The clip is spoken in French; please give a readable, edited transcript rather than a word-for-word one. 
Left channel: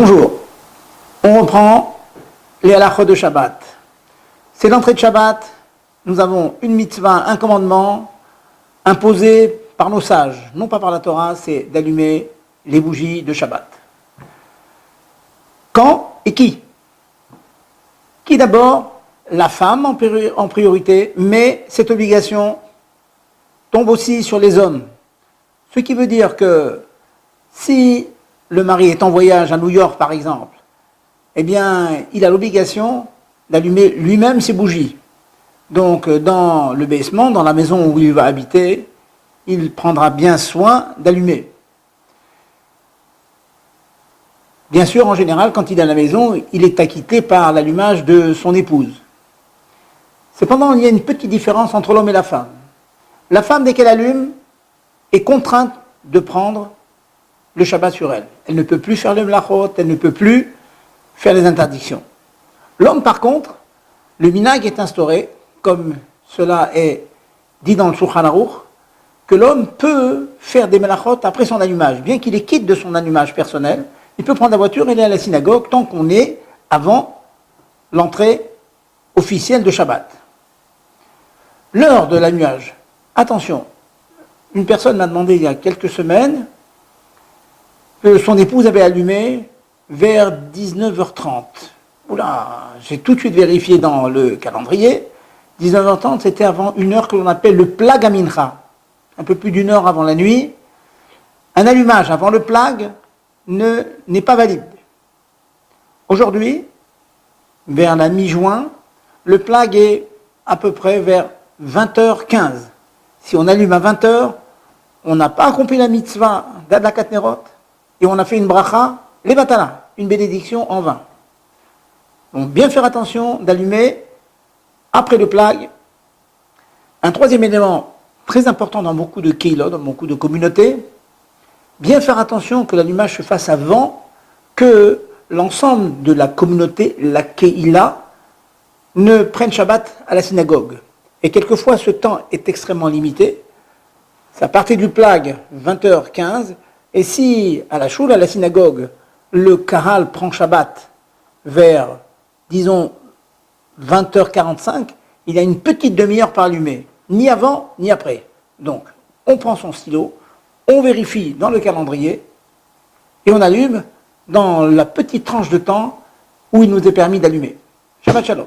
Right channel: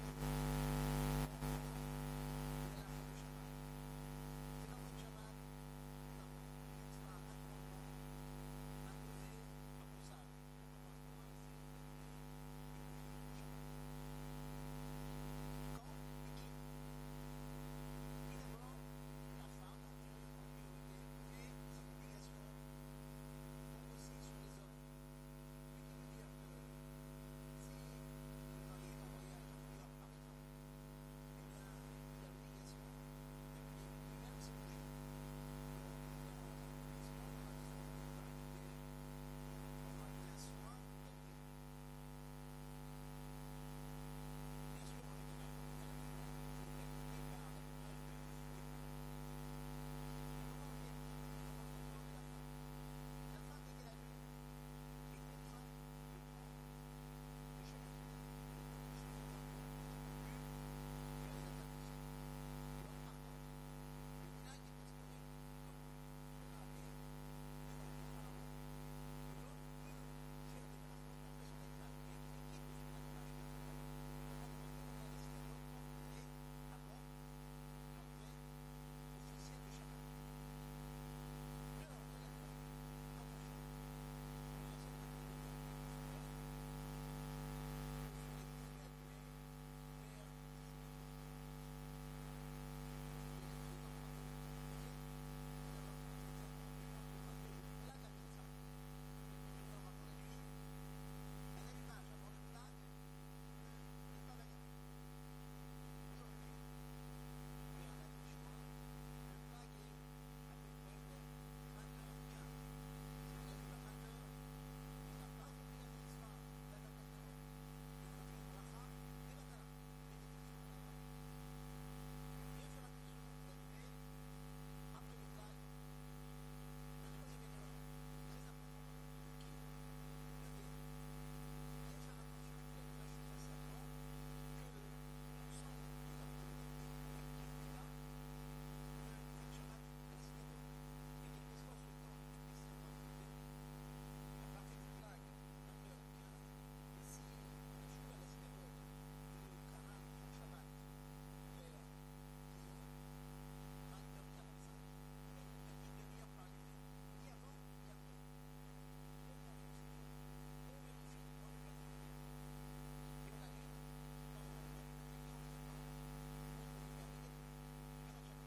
Bonjour, on reprend les halachot de Shabbat. C'est l'entrée de Shabbat, nous avons une mitzvah, un commandement imposé par nos sages, non pas par la Torah, c'est d'allumer les bougies de Shabbat. Quand et qui? Qui d'abord? La femme en priorité, mais cette obligation tombe aussi sur les hommes. Ce qui veut dire que si le mari est en voyage à New York par exemple, eh bien il a l'obligation d'allumer lui-même ses bougies. Donc dans le basement, dans la maison où il va habiter, il prendra bien soin d'allumer. Bien sûr, en général, quand il est à la maison, il est acquitté par l'allumage de son épouse. Cependant, il y a une petite différence entre l'homme et la femme. La femme, dès qu'elle allume, est contrainte de prendre le Shabbat sur elle. Elle ne peut plus faire le mlachot, elle ne peut plus faire les interdictions. L'homme, par contre, le minhag est instauré, comme cela est dit dans le Shulchan Aruch, que l'homme peut faire des mlachot après son allumage. Bien qu'il est quitte de son allumage personnel, il peut prendre la voiture et aller à la synagogue tant qu'on est avant l'entrée officielle de Shabbat. L'heure de l'allumage. Attention, une personne m'a demandé il y a quelques semaines que son épouse avait allumé vers 19h30. Oula, j'ai tout de suite vérifié dans le calendrier. 19h30, c'était avant une heure que l'on appelle le plag à mincha. Un peu plus d'une heure avant la nuit. Un allumage avant le plag n'est pas valide. Aujourd'hui, vers la mi-juin, le plag est à peu près vers 20h15. Si on allume à 20h, on n'a pas accompli la mitzvah d'Adlakat Nerot et on a fait une bracha, les batala, une bénédiction en vain. Donc bien faire attention d'allumer après le plag. Un troisième élément très important dans beaucoup de keilot, dans beaucoup de communautés, bien faire attention que l'allumage se fasse avant que l'ensemble de la communauté, la keila, ne prenne Shabbat à la synagogue. Et quelquefois, ce temps est extrêmement limité. Ça partait du plag 20h15. Et si, à la choule, à la synagogue, le kahal prend Shabbat vers, disons, 20h45, il y a une petite demi-heure par allumer. Ni avant, ni après. Donc, on prend son stylo, on vérifie dans le calendrier, et on allume dans la petite tranche de temps où il nous est permis d'allumer. Shabbat Shalom.